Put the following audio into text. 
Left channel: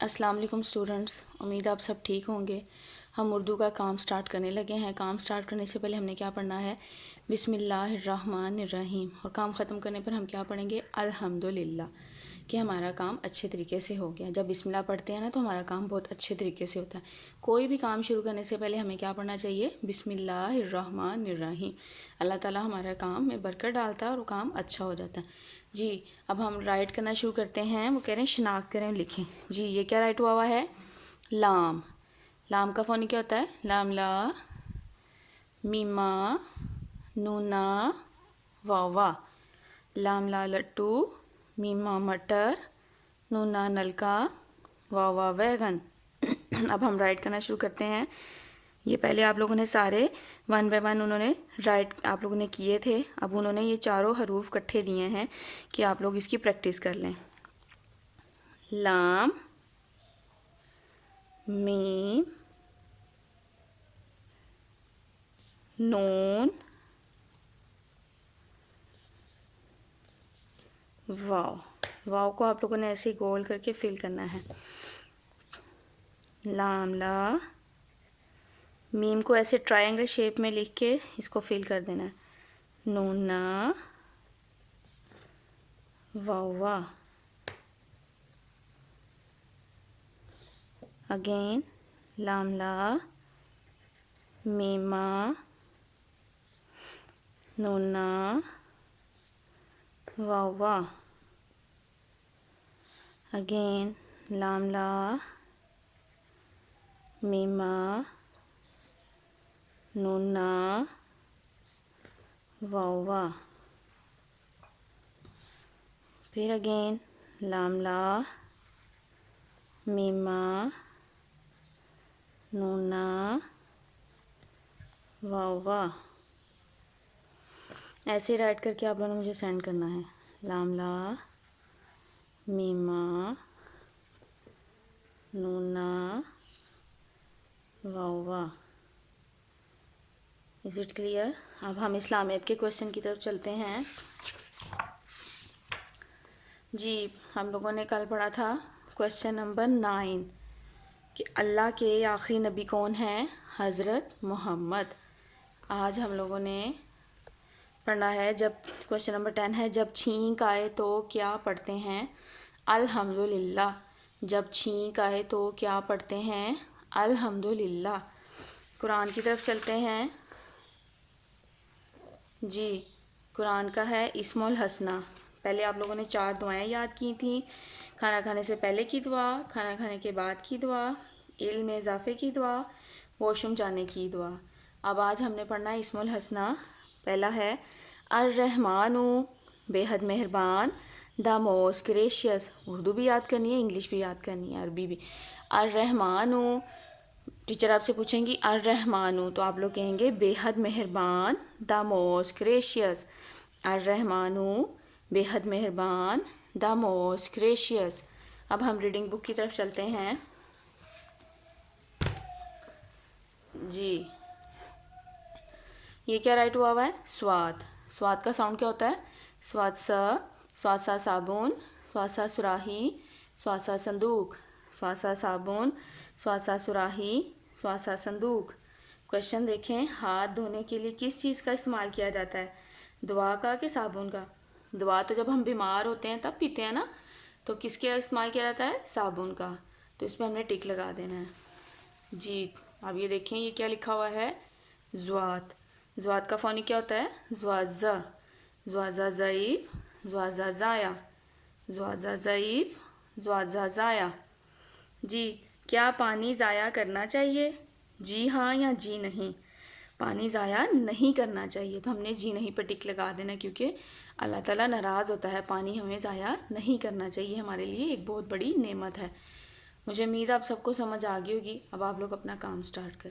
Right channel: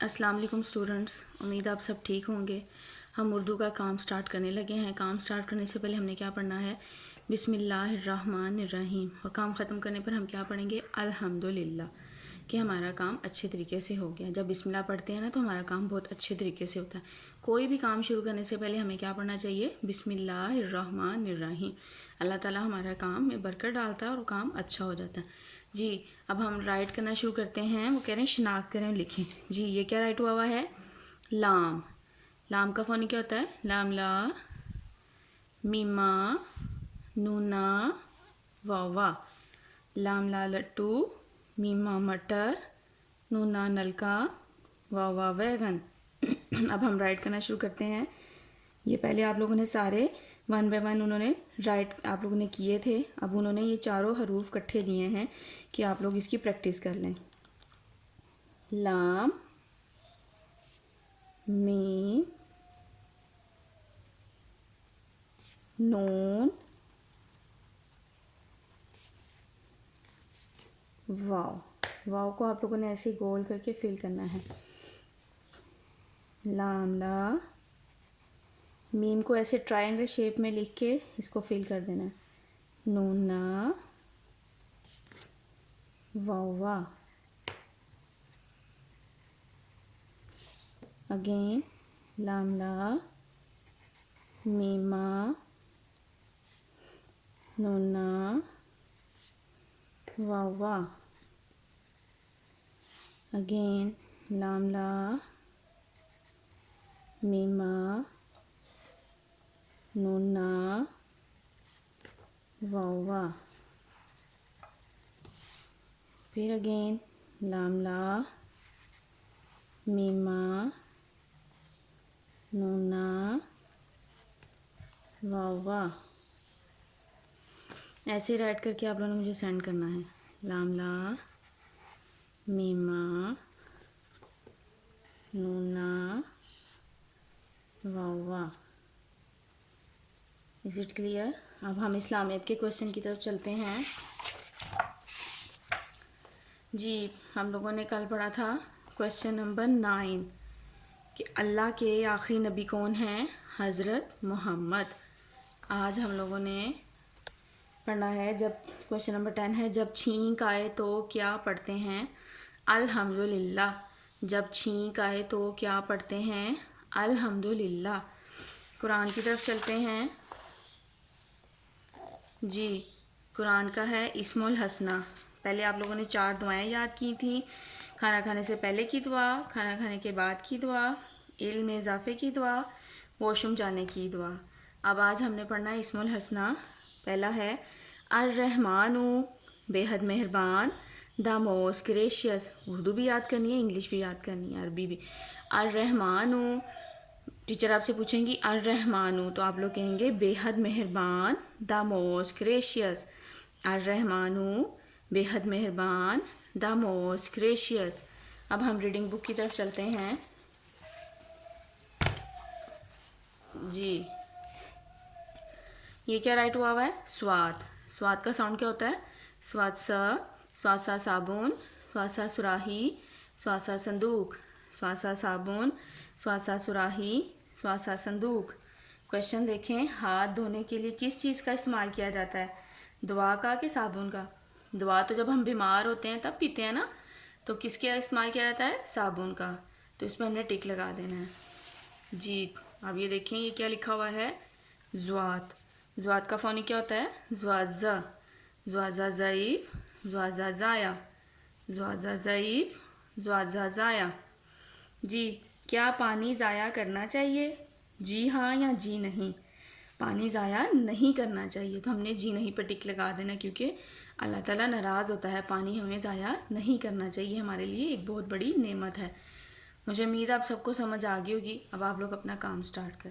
अस्सलाम वालेकुम स्टूडेंट्स, उम्मीद आप सब ठीक होंगे। हम उर्दू का काम स्टार्ट करने लगे हैं। काम स्टार्ट करने से पहले हमने क्या पढ़ना है? बिस्मिल्लाहिर्रहमानिर्रहीम। और काम ख़त्म करने पर हम क्या पढ़ेंगे? अल्हम्दुलिल्लाह, कि हमारा काम अच्छे तरीके से हो गया। जब बिस्मिल्लाह पढ़ते हैं ना तो हमारा काम बहुत अच्छे तरीके से होता है। कोई भी काम शुरू करने से पहले हमें क्या पढ़ना चाहिए? बिस्मिल्लाहिर्रहमानिर्रहीम। अल्लाह ताला हमारा काम में बरकत डालता है और काम अच्छा हो जाता है। जी, अब हम राइट करना शुरू करते हैं। वो कह रहे हैं शनाख्त करें, लिखें। जी, ये क्या राइट हुआ है? लाम। लाम का फ़ोनी क्या होता है? लाम ला, मीमा, नूना, वावा। लाम ला लट्टू, मीमा मटर, नूना नलका, वावा वैगन। अब हम राइट करना शुरू करते हैं। ये पहले आप लोगों ने सारे वन बाय वन उन्होंने राइट आप लोगों ने किए थे। अब उन्होंने ये चारों हरूफ इकट्ठे दिए हैं कि आप लोग इसकी प्रैक्टिस कर लें। लाम, मीम, नून, वाव। वाव को आप लोगों ने ऐसे गोल करके फिल करना है। लाम ला, मीम को ऐसे ट्रायंगल शेप में लिख के इसको फिल कर देना है। नूना, वावा। अगेन लाम ला, मीमा, नूना, वावा। अगेन लाम ला, मीमा, नूना, वावा। फिर अगेन लाम ला, मीमा, नूना, वावा। ऐसे राइट करके आप लोगों ने मुझे सेंड करना है। लाम ला, मीमा, नूना, वावा। Is it clear? अब हम इस्लामियत के क्वेश्चन की तरफ चलते हैं। जी, हम लोगों ने कल पढ़ा था क्वेश्चन नंबर 9 कि अल्लाह के आखिरी नबी कौन हैं? हज़रत मोहम्मद। आज हम लोगों ने पढ़ना है, जब क्वेश्चन नंबर 10 है, जब छींक आए तो क्या पढ़ते हैं? अल्हम्दुलिल्लाह। जब छींक आए तो क्या पढ़ते हैं? अल्हम्दुलिल्लाह। कुरान की तरफ चलते हैं। जी, कुरान का है इस्मुल हसना। पहले आप लोगों ने 4 दुआएं याद की थी। खाना खाने से पहले की दुआ, खाना खाने के बाद की दुआ, इल्म में इजाफे की दुआ, वॉशरूम जाने की दुआ। अब आज हमने पढ़ना है इस्मुल हसना। पहला है अर्रहमानु, बेहद मेहरबान, द मोस्ट ग्रेशियस। उर्दू भी याद करनी है, इंग्लिश भी याद करनी है, अरबी भी। अर्रहमानु, टीचर आपसे पूछेंगी अर्रहमानु तो आप लोग कहेंगे बेहद मेहरबान, द मोस्ट ग्रेशियस। अर्रहमानु, बेहद मेहरबान, द मोस्ट ग्रेशियस। अब हम रीडिंग बुक की तरफ चलते हैं। जी, ये क्या राइट हुआ है? स्वाद। स्वाद का साउंड क्या होता है? स्वाद स्वाद सा साबुन, स्वाद सा सुराही, स्वाद सा संदूक, स्वाद सा साबुन, स्वाद सा सुराही, स्वाद सा संदूक। क्वेश्चन देखें, हाथ धोने के लिए किस चीज़ का इस्तेमाल किया जाता है? दुआ का कि साबुन का? दुआ तो जब हम बीमार होते हैं तब पीते हैं ना, तो किसके इस्तेमाल किया जाता है? साबुन का। तो इसमें हमने टिक लगा देना है। जी, अब ये देखें, ये क्या लिखा हुआ है? ज़्वात। ज़्वात का फ़ोनी क्या होता है? ज़्वाज़ा। ज़्वाज़ा ज़ईफ़, ज़्वाज़ा ज़ाया, ज़्वाज़ा ज़ईफ़, ज़्वाज़ा ज़ाया। जी, क्या पानी ज़ाया करना चाहिए? जी हाँ या जी नहीं? पानी ज़ाया नहीं करना चाहिए, तो हमने जी नहीं पर टिक लगा देना, क्योंकि अल्लाह ताला नाराज़ होता है। पानी हमें ज़ाया नहीं करना चाहिए, हमारे लिए एक बहुत बड़ी नेमत है। मुझे उम्मीद है आप सबको समझ आ गई होगी। अब आप लोग अपना काम स्टार्ट करें।